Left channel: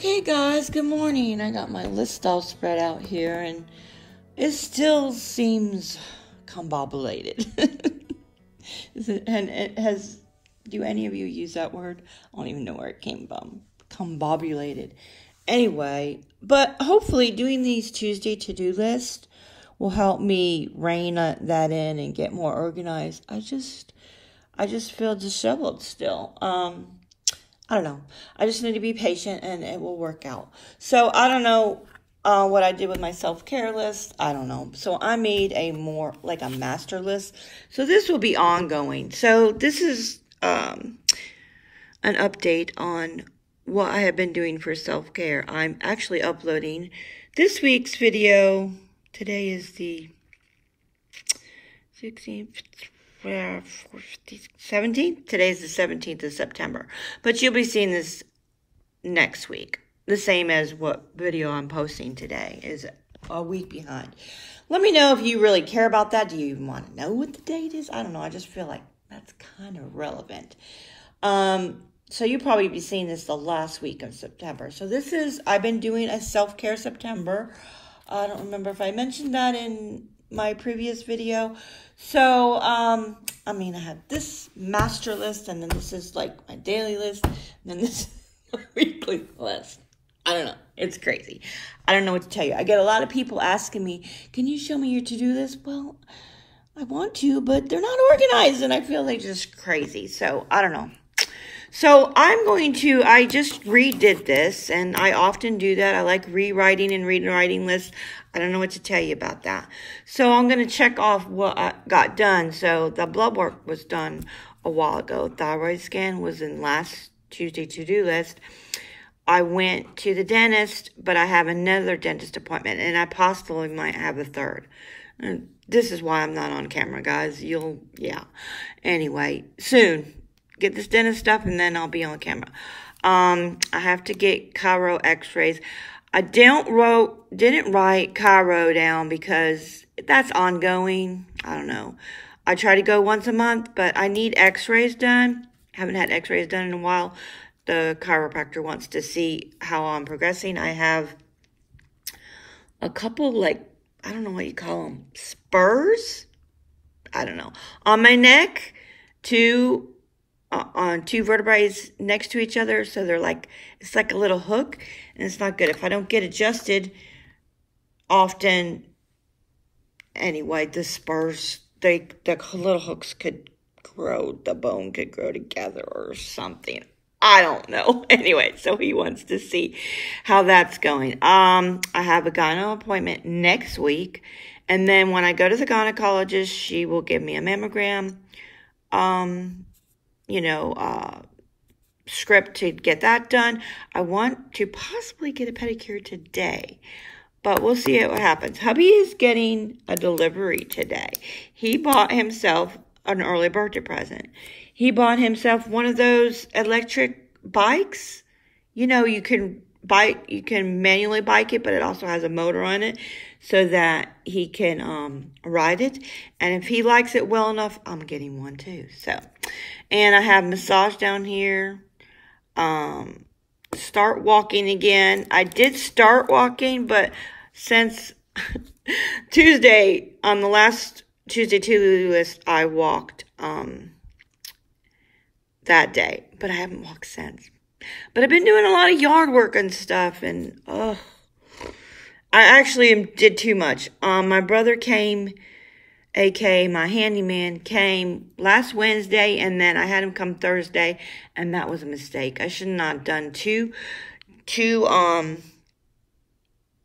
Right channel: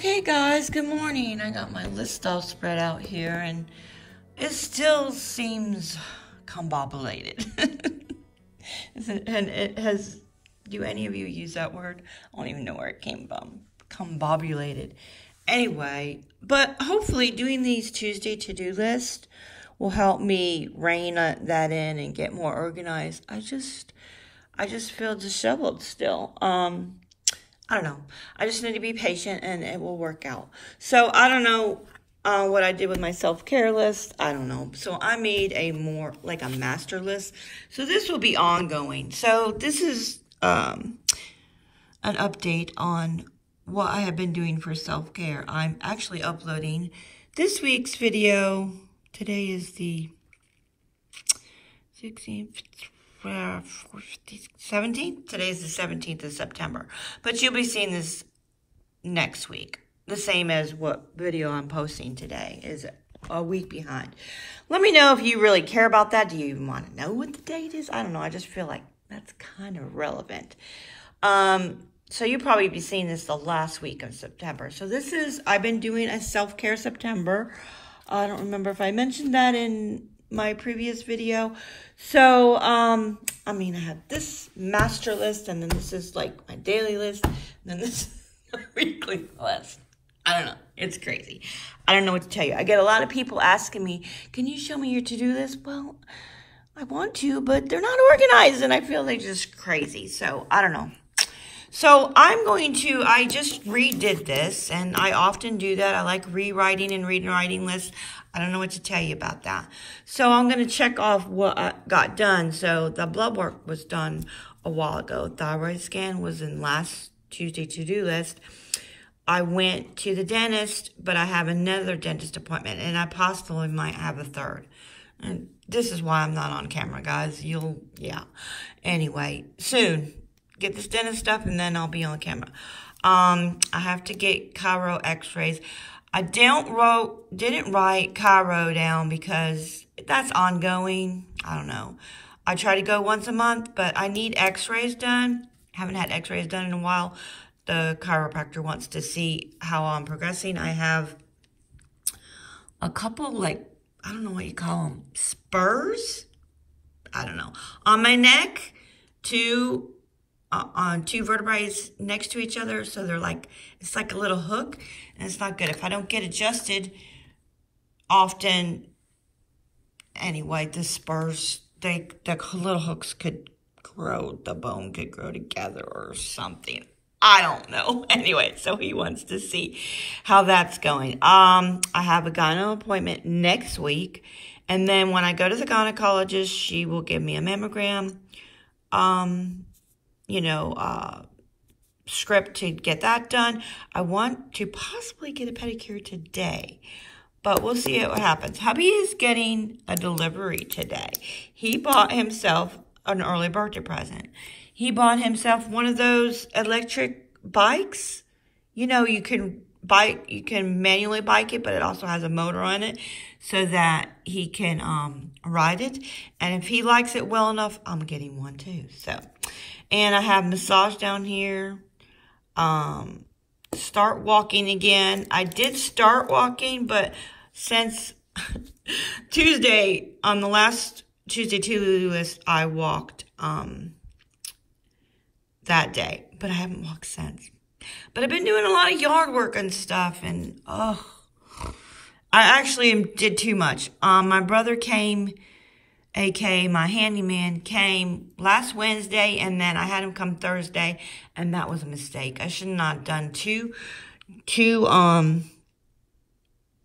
Okay guys, good morning. I got my list all spread out here and it still seems combobulated. And it has, do any of you use that word? I don't even know where it came from. Combobulated. Anyway, but hopefully doing these Tuesday to-do lists will help me rein that in and get more organized. I just feel disheveled still. I don't know. I just need to be patient and it will work out. So I don't know what I did with my self-care list. I don't know. So I made a more like a master list. So this will be ongoing. So this is an update on what I have been doing for self-care. I'm actually uploading this week's video. Today is the 16th. 17th? Today's the 17th of September. But you'll be seeing this next week. The same as what video I'm posting today is a week behind. Let me know if you really care about that. Do you even want to know what the date is? I don't know. I just feel like that's kind of relevant. So you'll probably be seeing this the last week of September. So this is, I've been doing a self-care September. I don't remember if I mentioned that in my previous video. So, I mean, I have this master list, and then this is like my daily list, and then this is my weekly list. I don't know. It's crazy. I don't know what to tell you. I get a lot of people asking me, can you show me your to-do list? Well, I want to, but they're not organized, and I feel they're just crazy. So, I don't know. So, I just redid this, and I often do that. I like rewriting and rewriting lists. I don't know what to tell you about that. So I'm going to check off what I got done. So the blood work was done a while ago. Thyroid scan was in last Tuesday to-do list. I went to the dentist, but I have another dentist appointment, and I possibly might have a third. And this is why I'm not on camera, guys. Yeah. Anyway, soon. Get this dentist stuff, and then I'll be on camera. I have to get chiro x-rays. I didn't write chiro down because that's ongoing. I don't know. I try to go once a month, but I need x-rays done. Haven't had x-rays done in a while. The chiropractor wants to see how I'm progressing. I have a couple, like, I don't know what you call them, spurs? I don't know. On my neck, on two vertebrae next to each other. So they're like, it's like a little hook. And it's not good. If I don't get adjusted often, anyway, the spurs, the little hooks could grow, the bone could grow together or something. I don't know. Anyway, so he wants to see how that's going. I have a gyno appointment next week. And then when I go to the gynecologist, she will give me a mammogram, script to get that done. I want to possibly get a pedicure today, but we'll see what happens. Hubby is getting a delivery today. He bought himself an early birthday present. He bought himself one of those electric bikes. You know, you can manually bike it, but it also has a motor on it so that he can ride it. And if he likes it well enough, I'm getting one too. So, and I have massage down here. Start walking again. I did start walking, but since Tuesday, on the last Tuesday to-do list, I walked, that day, but I haven't walked since. But I've been doing a lot of yard work and stuff, and, I actually did too much. My brother came, aka my handyman, came last Wednesday, and then I had him come Thursday, and that was a mistake. I should not have done two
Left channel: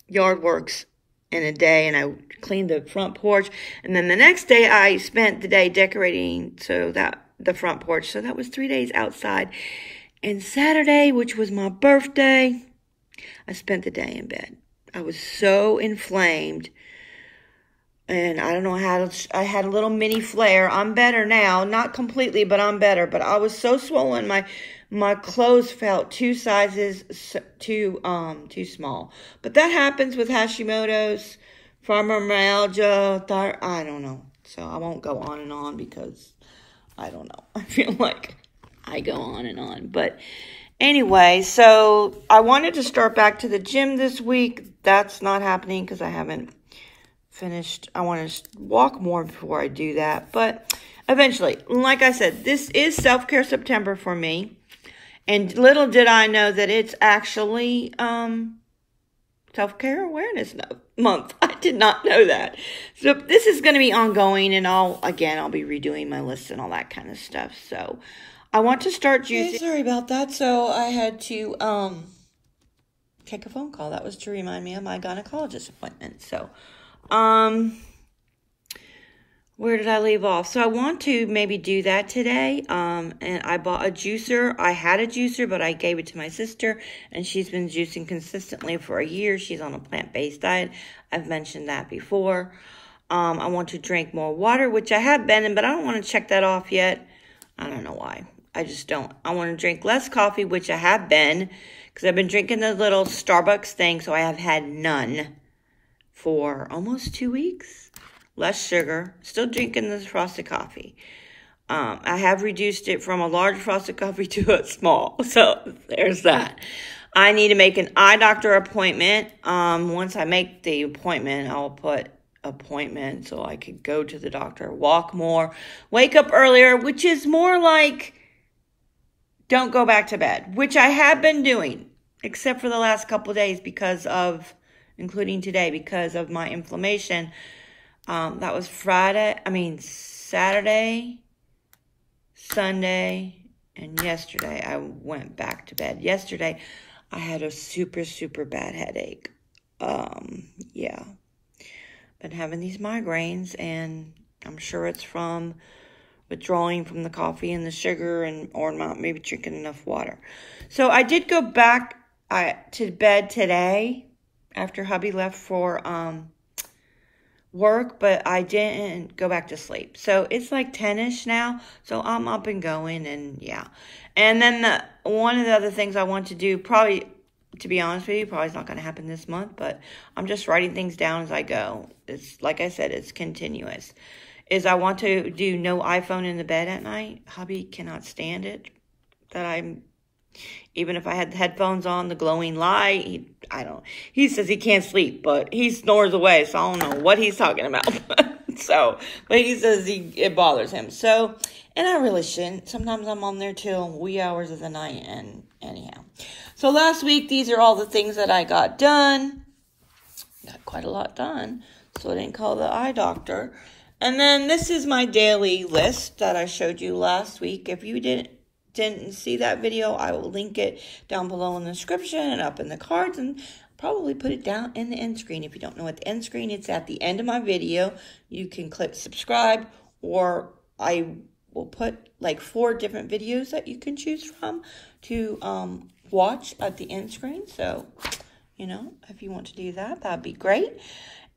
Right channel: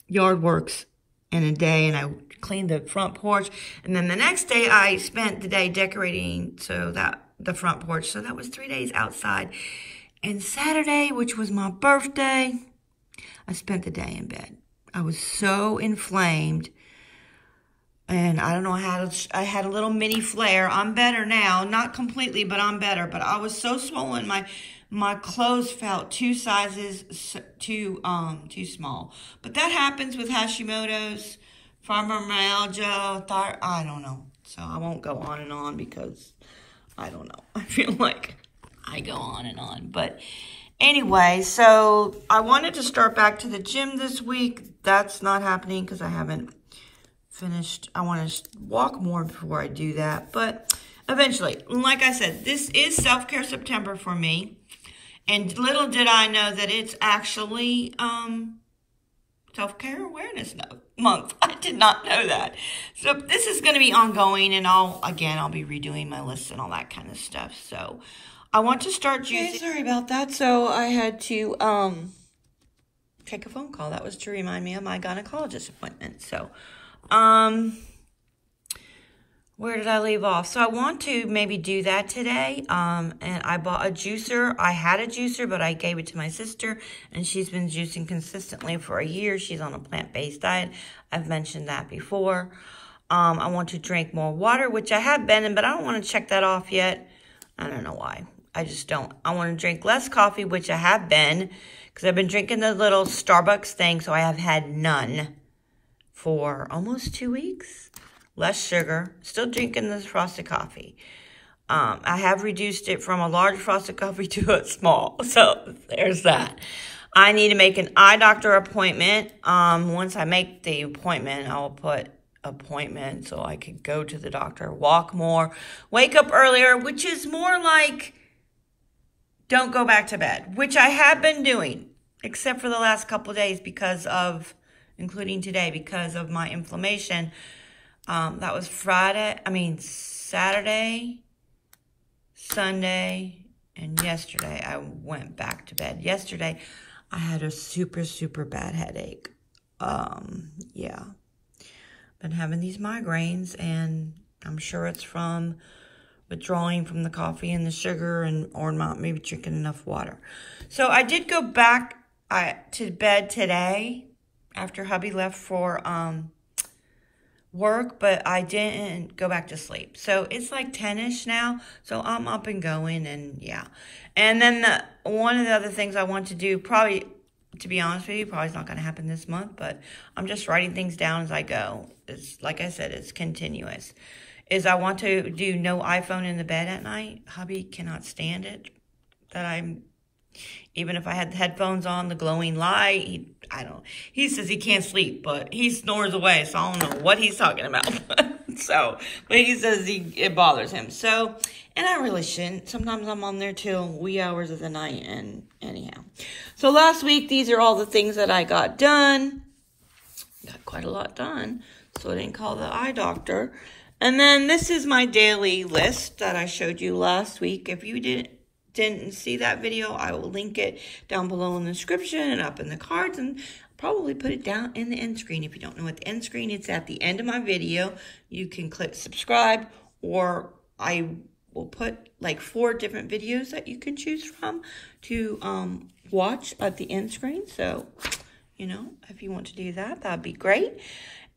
yard works in a day, and I cleaned the front porch, and then the next day I spent the day decorating the front porch, so that was 3 days outside. And Saturday, which was my birthday, I spent the day in bed. I was so inflamed. And I don't know how I had a little mini flare. I'm better now. Not completely, but I'm better. But I was so swollen. My clothes felt 2 sizes too small. But that happens with Hashimoto's, fibromyalgia, I don't know. So I won't go on and on because I don't know. I feel like I go on and on. But Anyway, so I wanted to start back to the gym this week. That's not happening because I haven't finished. I want to walk more before I do that. But eventually, like I said, this is Self-Care September for me. And little did I know that it's actually Self-Care Awareness Month. I did not know that. So this is going to be ongoing, and I'll be redoing my list and all that kind of stuff. So I want to start juicing. Okay, sorry about that. So I had to take a phone call. That was to remind me of my gynecologist appointment. So where did I leave off? So I want to maybe do that today. And I bought a juicer. I had a juicer, but I gave it to my sister, and she's been juicing consistently for a year. She's on a plant-based diet. I've mentioned that before. I want to drink more water, which I have been, but I don't want to check that off yet. I don't know why. I just don't. I want to drink less coffee, which I have been, because I've been drinking the little Starbucks thing, so I have had none for almost 2 weeks. Less sugar, still drinking this frosted coffee. I have reduced it from a large frosted coffee to a small. So there's that. I need to make an eye doctor appointment. Once I make the appointment, I'll put appointment so I could go to the doctor, walk more, wake up earlier, which is more like don't go back to bed, which I have been doing, except for the last couple of days including today, because of my inflammation. That was Saturday, Sunday, and yesterday I went back to bed. Yesterday, I had a super, super bad headache. Yeah. Been having these migraines, and I'm sure it's from withdrawing from the coffee and the sugar or not maybe drinking enough water. So I did go back to bed today after hubby left for work, but I didn't go back to sleep. So it's like 10-ish now. So I'm up and going, and yeah. And then one of the other things I want to do, probably, to be honest with you, probably is not going to happen this month, but I'm just writing things down as I go. It's like I said, it's continuous. Is I want to do no iPhone in the bed at night. Hubby cannot stand it. Even if I had the headphones on, the glowing light, he says he can't sleep, but he snores away, so I don't know what he's talking about. But he says it bothers him. So, and I really shouldn't. Sometimes I'm on there till wee hours of the night, and anyhow. So last week, these are all the things that I got done. Got quite a lot done, so I didn't call the eye doctor. And then this is my daily list that I showed you last week. If you didn't see that video, I will link it down below in the description and up in the cards, and probably put it down in the end screen. If you don't know what the end screen, it's at the end of my video. You can click subscribe, or I will put like 4 different videos that you can choose from to watch at the end screen. So, if you want to do that, that'd be great.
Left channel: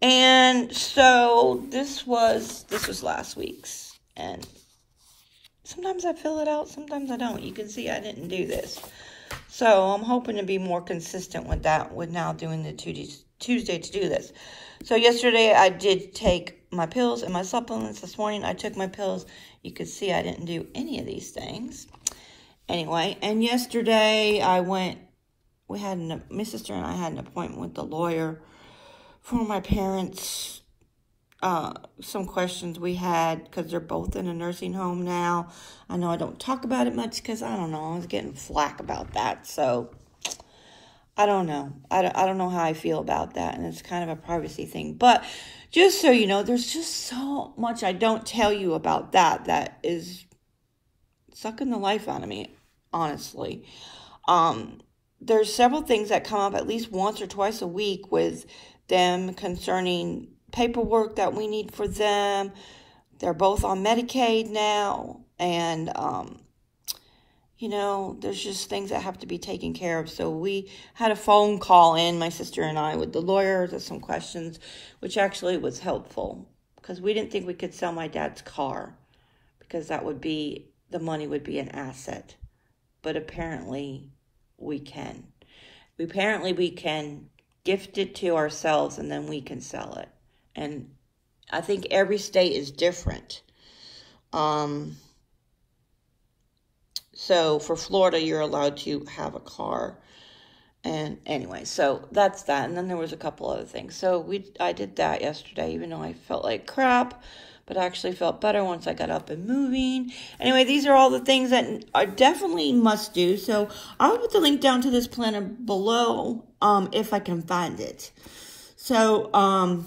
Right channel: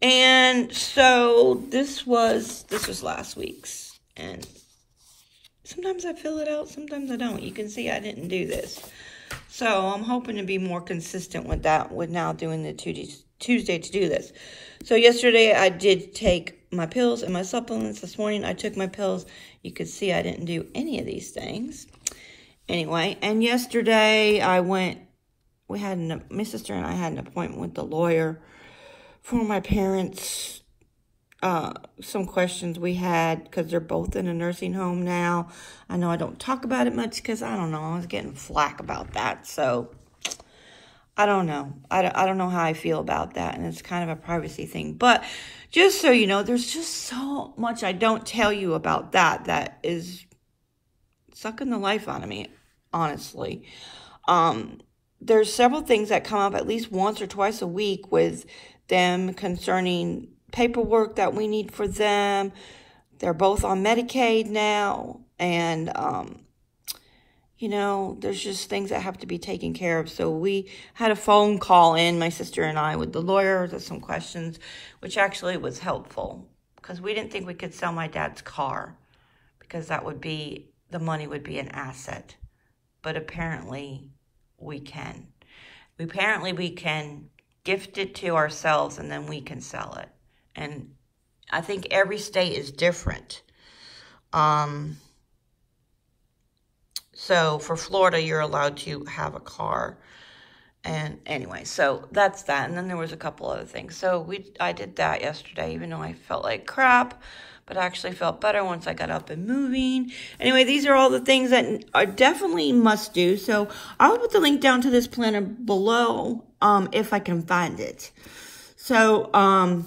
And so this was last week's, and sometimes I fill it out, sometimes I don't. You can see I didn't do this. So I'm hoping to be more consistent with that, with now doing the Tuesday to do this. So yesterday I did take my pills and my supplements. This morning I took my pills. You could see I didn't do any of these things. Anyway, and yesterday my sister and I had an appointment with the lawyer for my parents. Some questions we had, because they're both in a nursing home now. I know I don't talk about it much because, I don't know, I was getting flack about that. So, I don't know. I don't know how I feel about that, and it's kind of a privacy thing. But just so you know, there's just so much I don't tell you about that is sucking the life out of me, honestly. There's several things that come up at least once or twice a week with them concerning paperwork that we need for them. They're both on Medicaid now, and there's just things that have to be taken care of. So we had a phone call in, my sister and I, with the lawyer. There's some questions, which actually was helpful, because we didn't think we could sell my dad's car, because the money would be an asset. But apparently we can. Apparently we can gift it to ourselves, and then we can sell it. And I think every state is different. So for Florida, you're allowed to have a car. And anyway, so that's that. And then there was a couple other things. So I did that yesterday, even though I felt like crap, but I actually felt better once I got up and moving. Anyway, these are all the things that are definitely must do. So I'll put the link down to this planner below, if I can find it. So,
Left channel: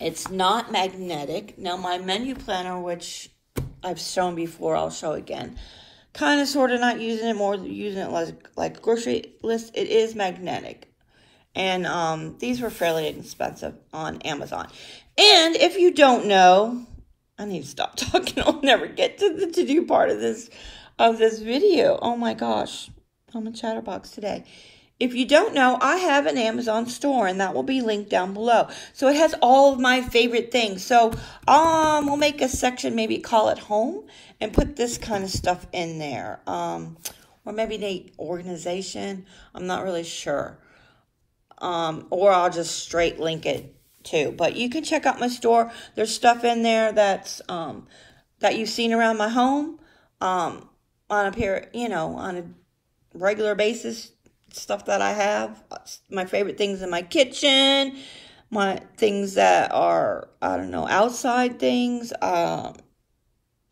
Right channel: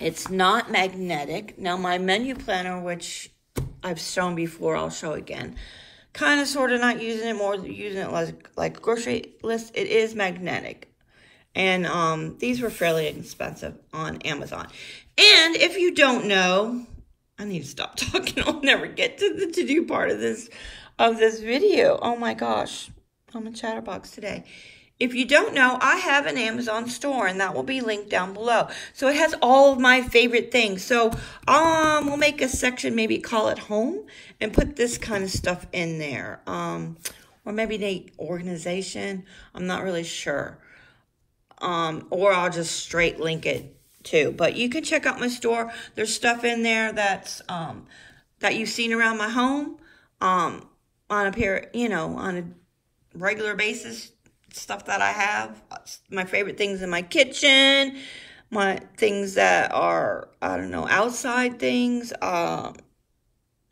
it's not magnetic. Now, my menu planner, which I've shown before, I'll show again. Kind of, sort of not using it, more using it like a grocery list. It is magnetic. And these were fairly expensive on Amazon. And if you don't know, I need to stop talking. I'll never get to the to-do part of this video. Oh my gosh, I'm a chatterbox today. If you don't know, I have an Amazon store, and that will be linked down below. So it has all of my favorite things. So we'll make a section, maybe call it home, and put this kind of stuff in there. Or maybe the organization. I'm not really sure. Or I'll just straight link it too. But you can check out my store. There's stuff in there that's that you've seen around my home on a regular basis. Stuff that I have, my favorite things in my kitchen, my things that are, I don't know, outside things,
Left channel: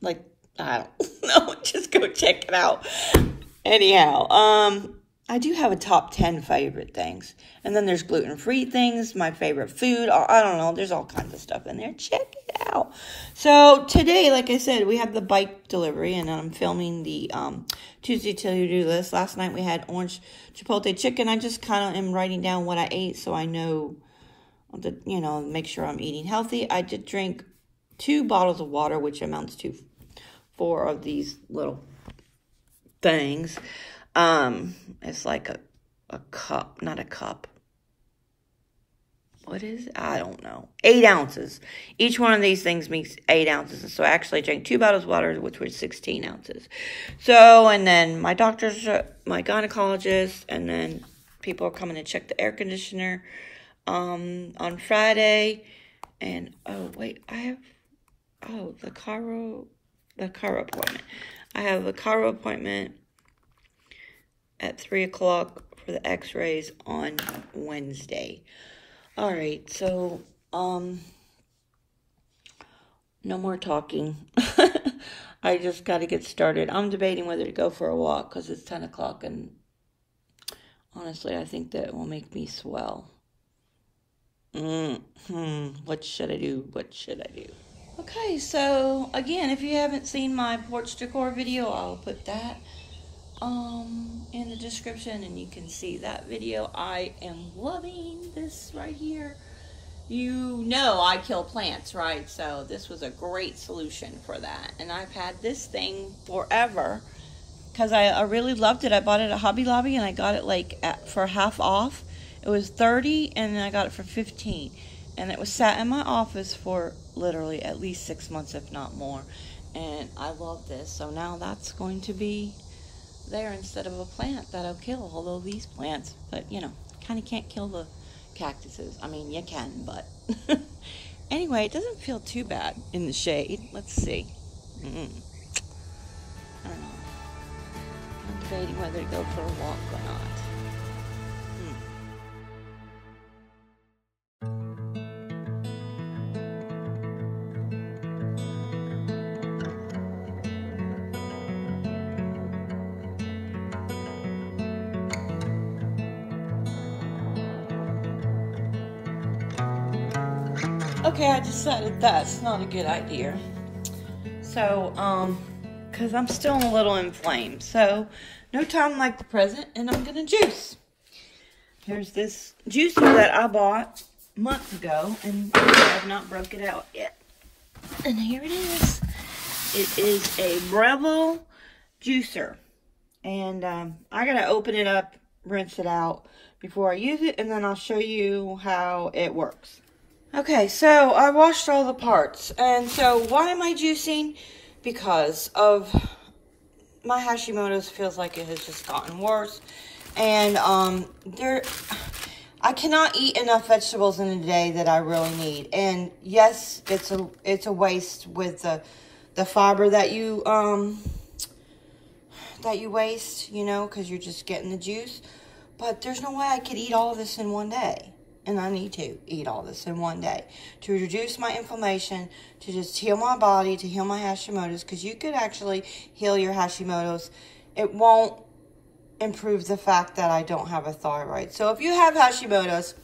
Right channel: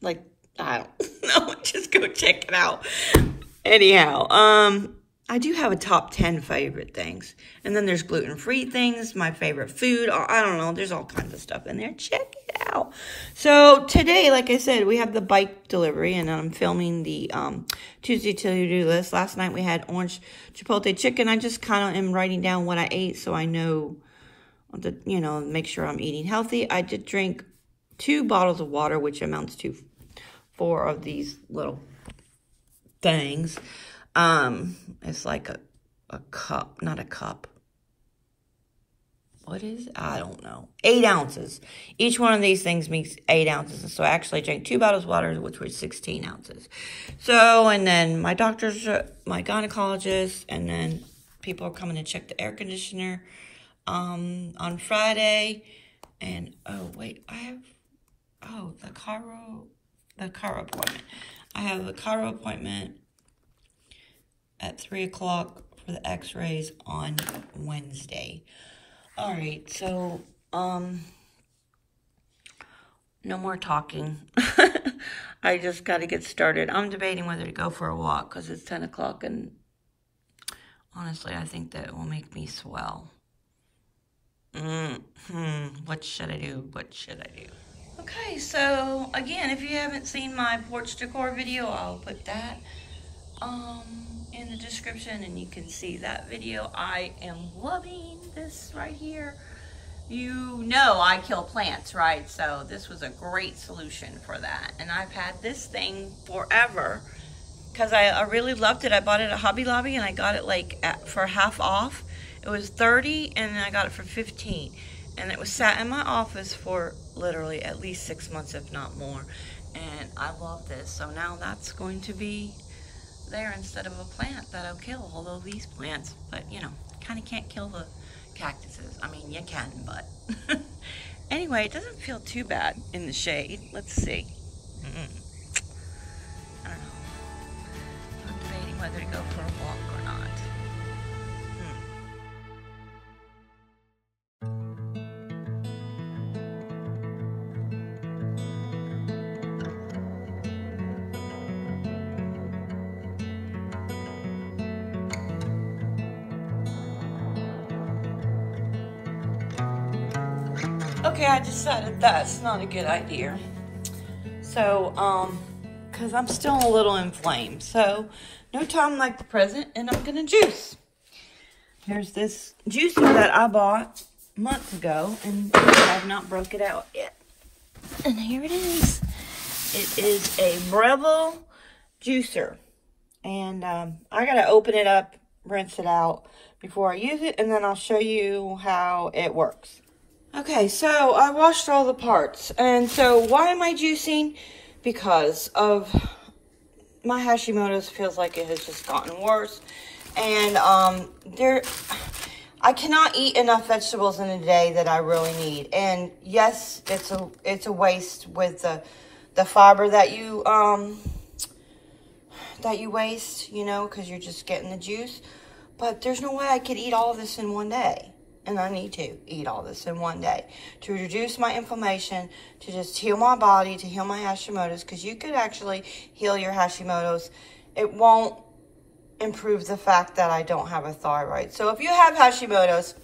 like, I don't know, just go check it out. Anyhow, I do have a top 10 favorite things, and then there's gluten-free things, my favorite food, I don't know, there's all kinds of stuff in there. Check it out. So today, like I said, we have the bike delivery, and I'm filming the Tuesday to-do list. Last night we had orange chipotle chicken. I just kind of am writing down what I ate so I know, make sure I'm eating healthy. I did drink 2 bottles of water, which amounts to 4 of these little things. It's like a cup, not a cup. What is it? I don't know. 8 ounces. Each one of these things makes 8 ounces. So I actually drank 2 bottles of water, which was 16 ounces. So, and then my doctor's, my gynecologist, and then people are coming to check the air conditioner on Friday. And, oh, wait, I have, the chiro appointment. I have a chiro appointment at 3 o'clock for the x-rays on Wednesday. All right, so, no more talking. I just got to get started. I'm debating whether to go for a walk because it's 10 o'clock, and honestly, I think that it will make me swell. What should I do? What should I do? Okay, so, again, if you haven't seen my porch decor video, I'll put that in the description, and you can see that video. I am loving this right here. You know I kill plants, right? So this was a great solution for that. And I've had this thing forever because I really loved it. I bought it at Hobby Lobby, and I got it like for half off. It was $30, and I got it for $15. And it was sat in my office for literally at least 6 months, if not more. And I love this. So now that's going to be there instead of a plant that I'll kill, although these plants, but kind of can't kill the cactuses. I mean, you can, but anyway, it doesn't feel too bad in the shade. Let's see. I don't know. I'm debating whether to go for a walk or not. Okay, I decided that's not a good idea. So, because I'm still a little inflamed. So, no time like the present, and I'm gonna juice. Here's this juicer that I bought months ago, and I have not broke it out yet. And here it is. It is a Breville Juicer. And I gotta open it up, rinse it out before I use it, and then I'll show you how it works. Okay, so I washed all the parts, and so why am I juicing? Because of my Hashimoto's feels like it has just gotten worse, and I cannot eat enough vegetables in a day that I really need, and yes, it's a waste with the fiber that you that you waste, you know, because you're just getting the juice. But there's no way I could eat all of this in one day. And I need to eat all this in one day to reduce my inflammation, to just heal my body, to heal my Hashimoto's, because you could actually heal your Hashimoto's. It won't improve the fact that I don't have a thyroid. So if you have Hashimoto's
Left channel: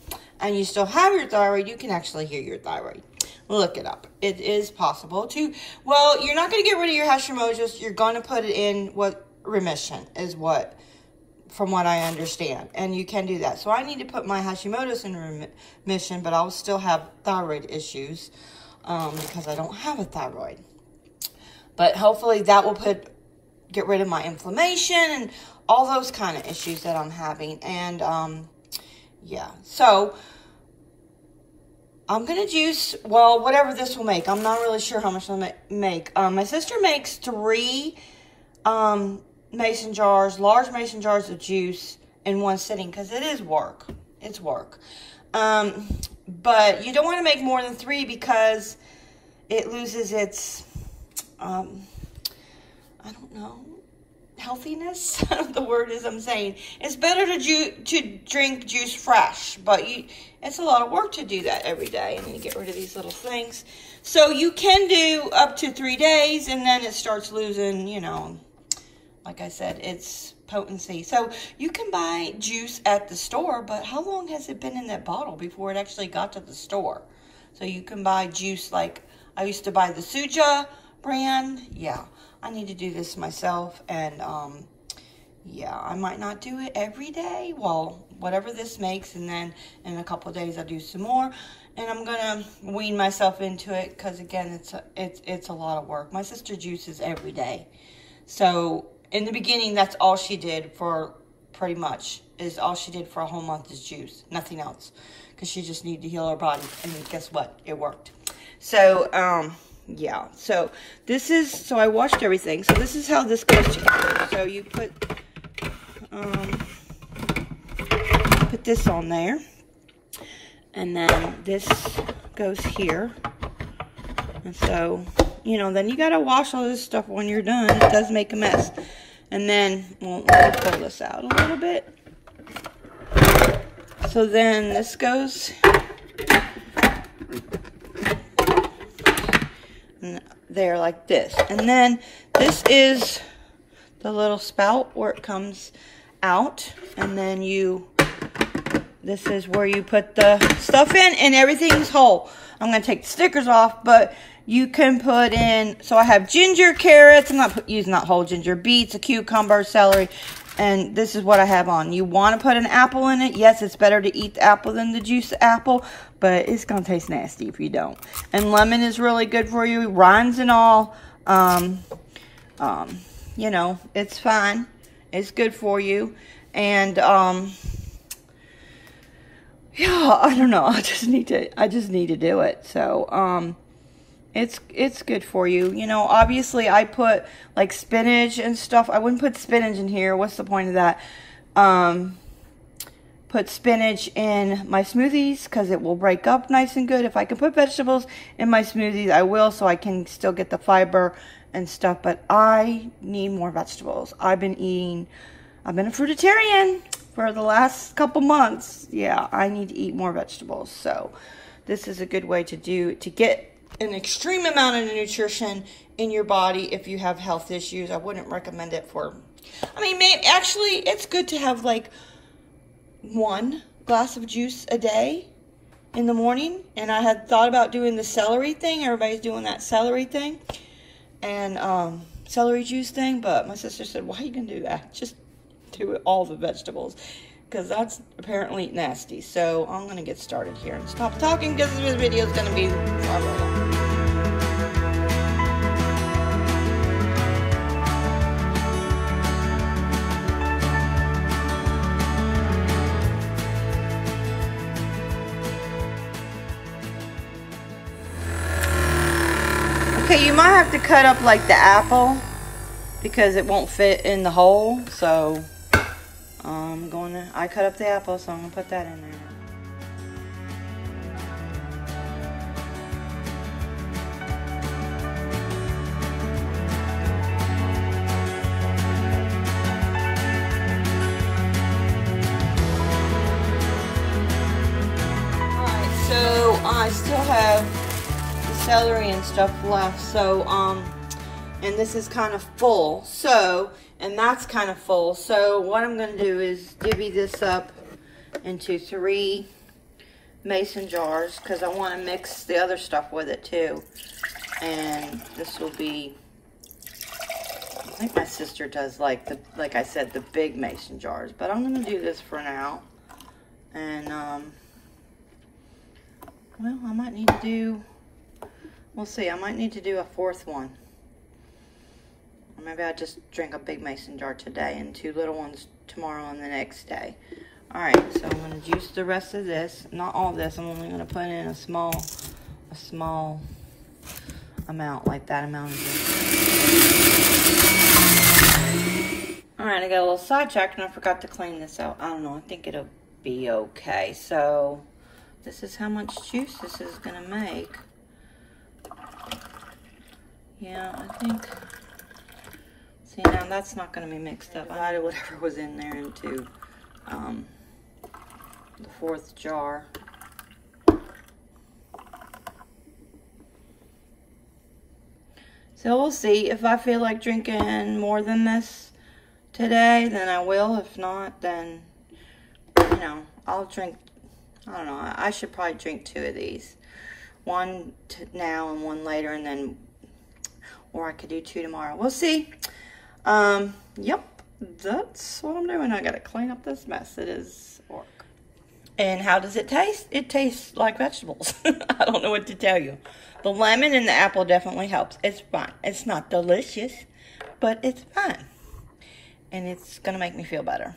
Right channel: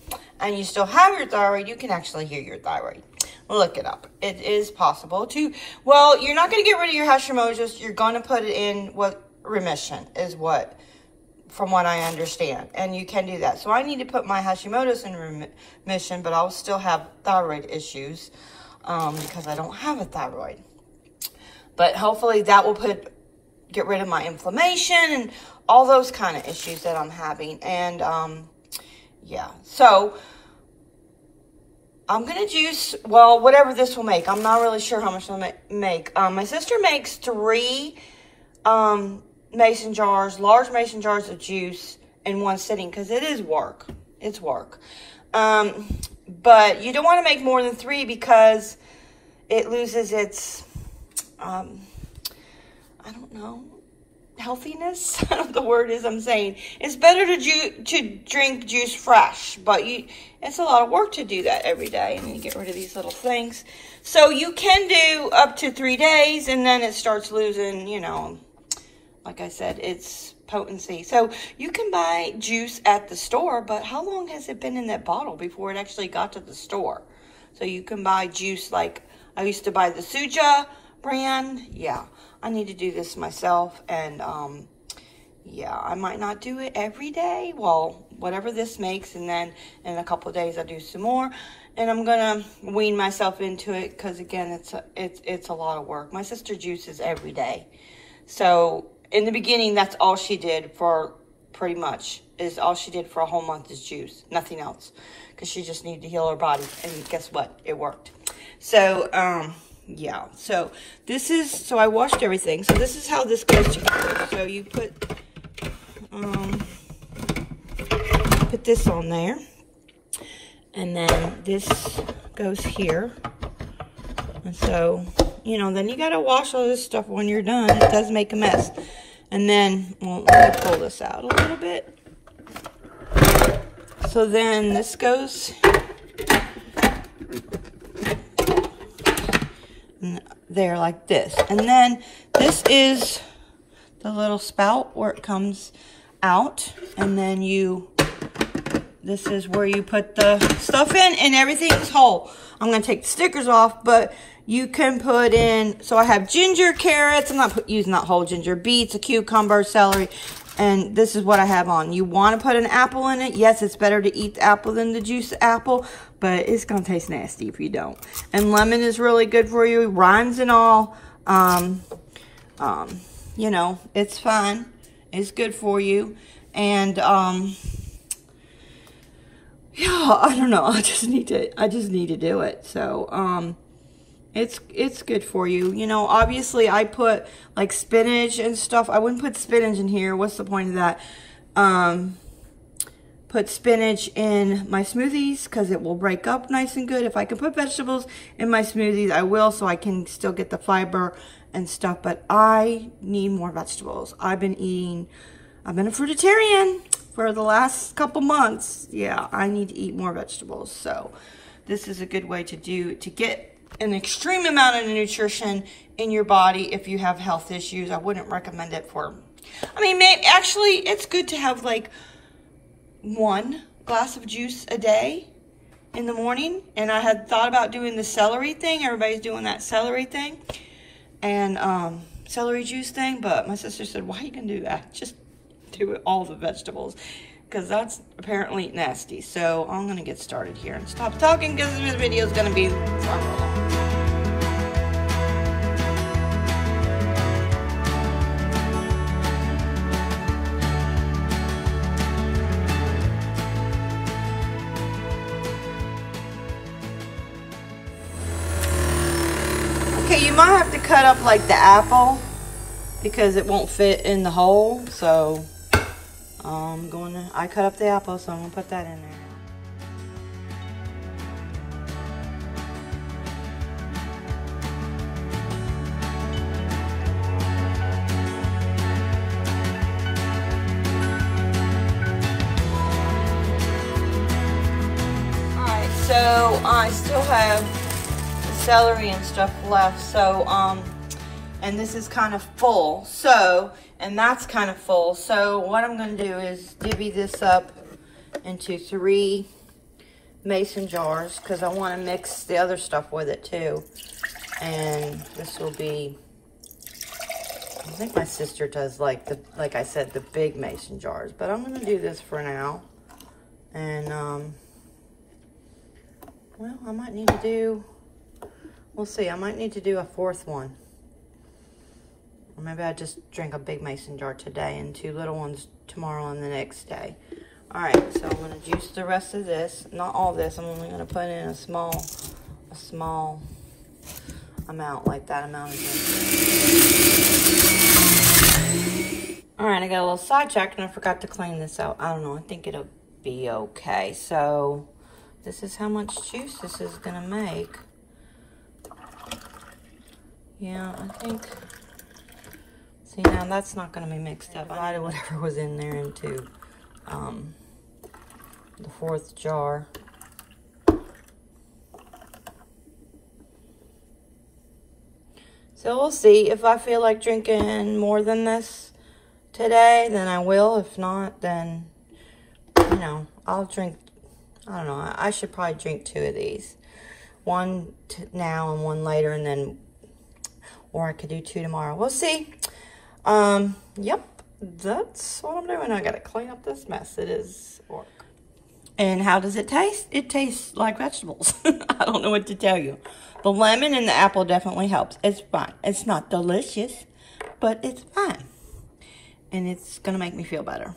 and you still have your thyroid, you can actually heal your thyroid. Look it up. It is possible to. Well, you're not going to get rid of your Hashimoto's. You're going to put it in what remission is what, from what I understand. And you can do that. So I need to put my Hashimoto's in remission, but I'll still have thyroid issues because I don't have a thyroid. But hopefully that will get rid of my inflammation and all those kind of issues that I'm having. And yeah, so I'm going to juice, well, whatever this will make. I'm not really sure how much it'll make. My sister makes 3 mason jars, large mason jars of juice in one sitting, because it is work. It's work. But you don't want to make more than 3 because it loses its, I don't know, healthiness. The word is I'm saying. It's better to drink juice fresh, but it's a lot of work to do that every day. And then get rid of these little things. So you can do up to 3 days, and then it starts losing, you know, like I said, its potency. So you can buy juice at the store, but how long has it been in that bottle before it actually got to the store? So you can buy juice like I used to buy the Suja brand. Yeah, I need to do this myself. And yeah, I might not do it every day. Well, whatever this makes, and then in a couple of days I'll do some more. And I'm gonna wean myself into it because again, it's a lot of work. My sister juices every day, so in the beginning, that's all she did for pretty much, is all she did for a whole month is juice, nothing else, because she just needed to heal her body. And guess what? It worked. So, yeah. So this is, so I washed everything. So this is how this goes together. So you put this on there, and then this goes here. And so, you know, then you got to wash all this stuff when you're done. It does make a mess. And then, well, let me pull this out a little bit. So then this goes there like this. And then this is the little spout where it comes out. And then this is where you put the stuff in, and everything's whole. I'm going to take the stickers off, but you can put in, so I have ginger, carrots. I'm not using that whole ginger. Beets, a cucumber, celery. And this is what I have on. You want to put an apple in it. Yes, it's better to eat the apple than to juice the apple, but it's going to taste nasty if you don't. And lemon is really good for you. Rinds and all. You know, it's fine. It's good for you. And, yeah, I don't know. I just need to do it. So, it's good for you. You know, obviously I put like spinach and stuff. I wouldn't put spinach in here. What's the point of that? Put spinach in my smoothies because it will break up nice and good. If I can put vegetables in my smoothies, I will, so I can still get the fiber and stuff. But I need more vegetables. I've been a fruitarian for the last couple months. Yeah, I need to eat more vegetables. So this is a good way to get an extreme amount of nutrition in your body if you have health issues. I wouldn't recommend it for, I mean, actually, it's good to have like 1 glass of juice a day in the morning. And I had thought about doing the celery thing. Everybody's doing that celery thing and celery juice thing. But my sister said, why are you going to do that? Just do it, all the vegetables, because that's apparently nasty. So I'm going to get started here and stop talking because this video is going to be long. Okay, you might have to cut up like the apple because it won't fit in the hole. So I cut up the apple, so I'm gonna put that in there. I still have celery and stuff left, so, and this is kind of full, so, and that's kind of full, so what I'm going to do is divvy this up into 3 mason jars, because I want to mix the other stuff with it too. And this will be, I think my sister does like I said, the big mason jars, but I'm going to do this for now. And, well, I might need to do, we'll see, I might need to do a 4th one. Or maybe I'll just drink a big mason jar today and 2 little ones tomorrow and the next day. All right, so I'm going to juice the rest of this. Not all this. I'm only going to put in a small amount, like that amount of juice. All right, I got a little sidetracked and I forgot to clean this out. I don't know. I think it'll be okay. So this is how much juice this is going to make. Yeah, I think. See, now that's not going to be mixed up. I added whatever was in there into the 4th jar. So we'll see. If I feel like drinking more than this today, then I will. If not, then, you know, I'll drink, I don't know, I should probably drink 2 of these. 1 now and 1 later, and then, or I could do 2 tomorrow. We'll see. Yep, that's what I'm doing. I gotta clean up this mess. It is work. And how does it taste? It tastes like vegetables. I don't know what to tell you. The lemon and the apple definitely helps. It's fine. It's not delicious, but it's fine. And it's gonna make me feel better.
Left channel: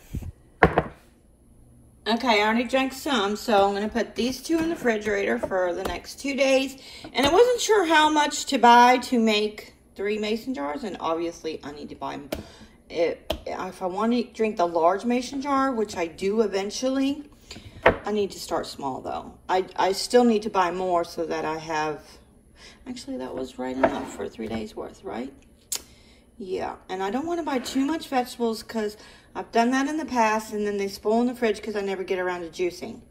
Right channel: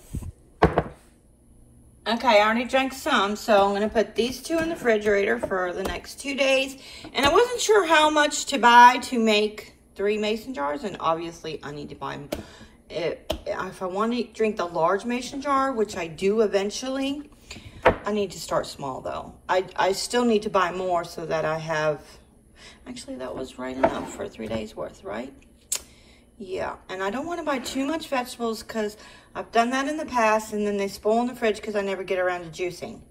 Okay, I already drank some, so I'm gonna put these 2 in the refrigerator for the next 2 days. And I wasn't sure how much to buy to make 3 mason jars, and obviously I need to buy them. If I want to drink the large mason jar, which I do eventually, I need to start small though. I still need to buy more so that I have, actually that was right enough for 3 days worth, right? Yeah, and I don't want to buy too much vegetables because I've done that in the past and then they spoil in the fridge because I never get around to juicing.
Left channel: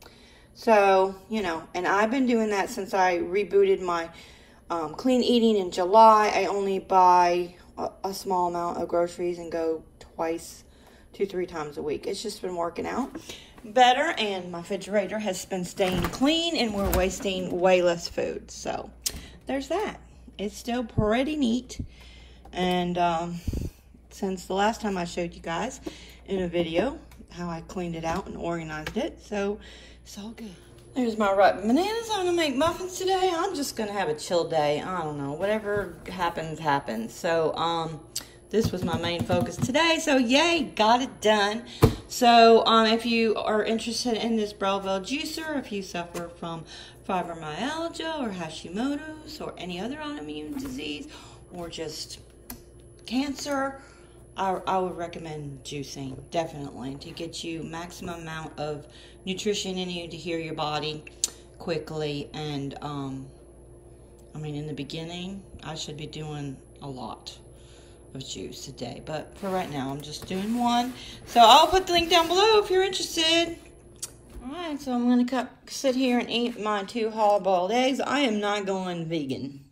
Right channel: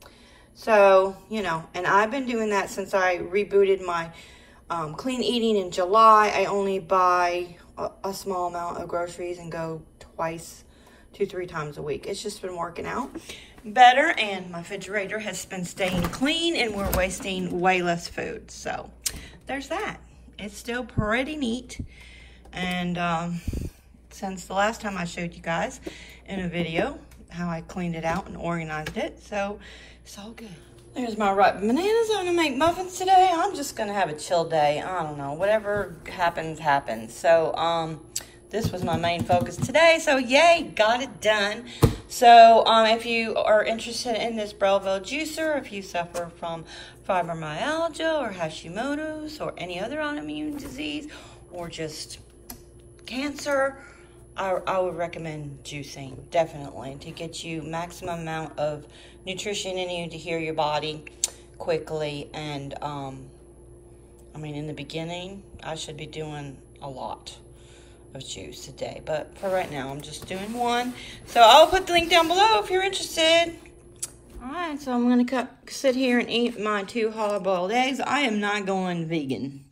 So, you know, and I've been doing that since I rebooted my clean eating in July. I only buy a small amount of groceries and go 2-3 times a week. It's just been working out better, and my refrigerator has been staying clean, and we're wasting way less food. So there's that. It's still pretty neat. And since the last time I showed you guys in a video how I cleaned it out and organized it, so it's all good. There's my rotten bananas. I'm gonna make muffins today. I'm just gonna have a chill day. I don't know, whatever happens, happens. So this was my main focus today. So yay, got it done. So if you are interested in this Breville Juicer, if you suffer from fibromyalgia or Hashimoto's or any other autoimmune disease or just cancer, I would recommend juicing, definitely, to get you maximum amount of nutrition in you to heal your body quickly. And I mean, in the beginning, I should be doing a lot of juice a day, but for right now, I'm just doing 1. So I'll put the link down below if you're interested. All right, so I'm gonna sit here and eat my 2 hard-boiled eggs. I am not going vegan.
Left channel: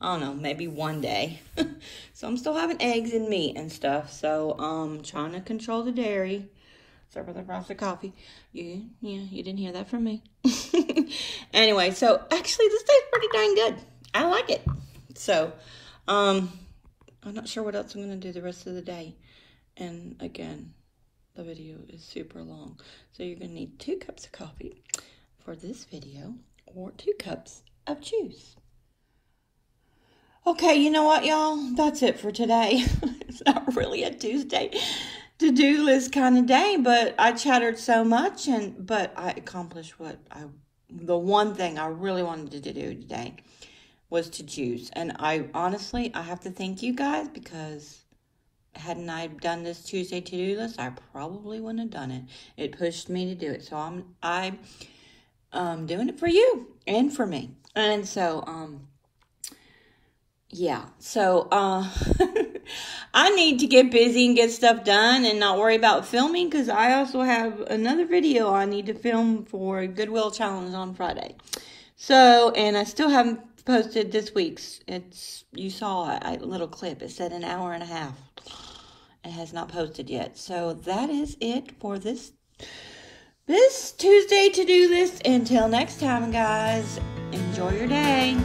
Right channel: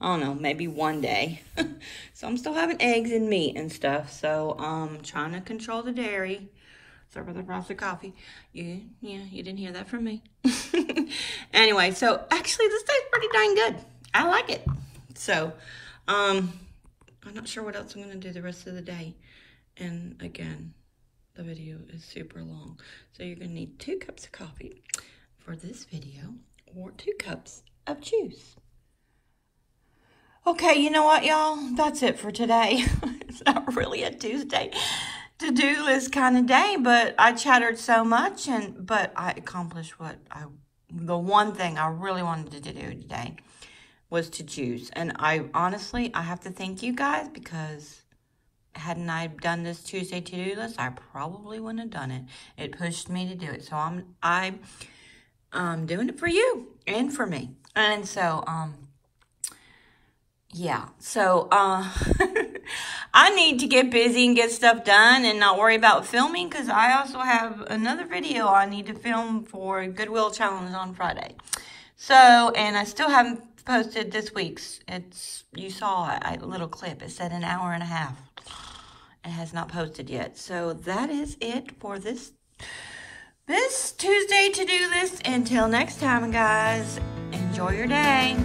I don't know, maybe one day. So I'm still having eggs and meat and stuff. So trying to control the dairy. Sorry about the frosted coffee. Yeah, you didn't hear that from me. Anyway, so actually this tastes pretty dang good. I like it. So I'm not sure what else I'm gonna do the rest of the day. And again, the video is super long. So you're gonna need 2 cups of coffee for this video or 2 cups of juice. Okay, you know what, y'all? That's it for today. It's not really a Tuesday to-do list kind of day, but I chattered so much, but I accomplished the one thing I really wanted to do today was to juice. And I honestly have to thank you guys, because hadn't I done this Tuesday to-do list, I probably wouldn't have done it. It pushed me to do it. So I'm doing it for you and for me. And so, yeah, so I need to get busy and get stuff done and not worry about filming, because I also have another video I need to film for Goodwill Challenge on Friday. So, and I still haven't posted this week's. You saw a little clip. It said an hour and a half. It has not posted yet. So that is it for this Tuesday to-do list. Until next time, guys, enjoy your day.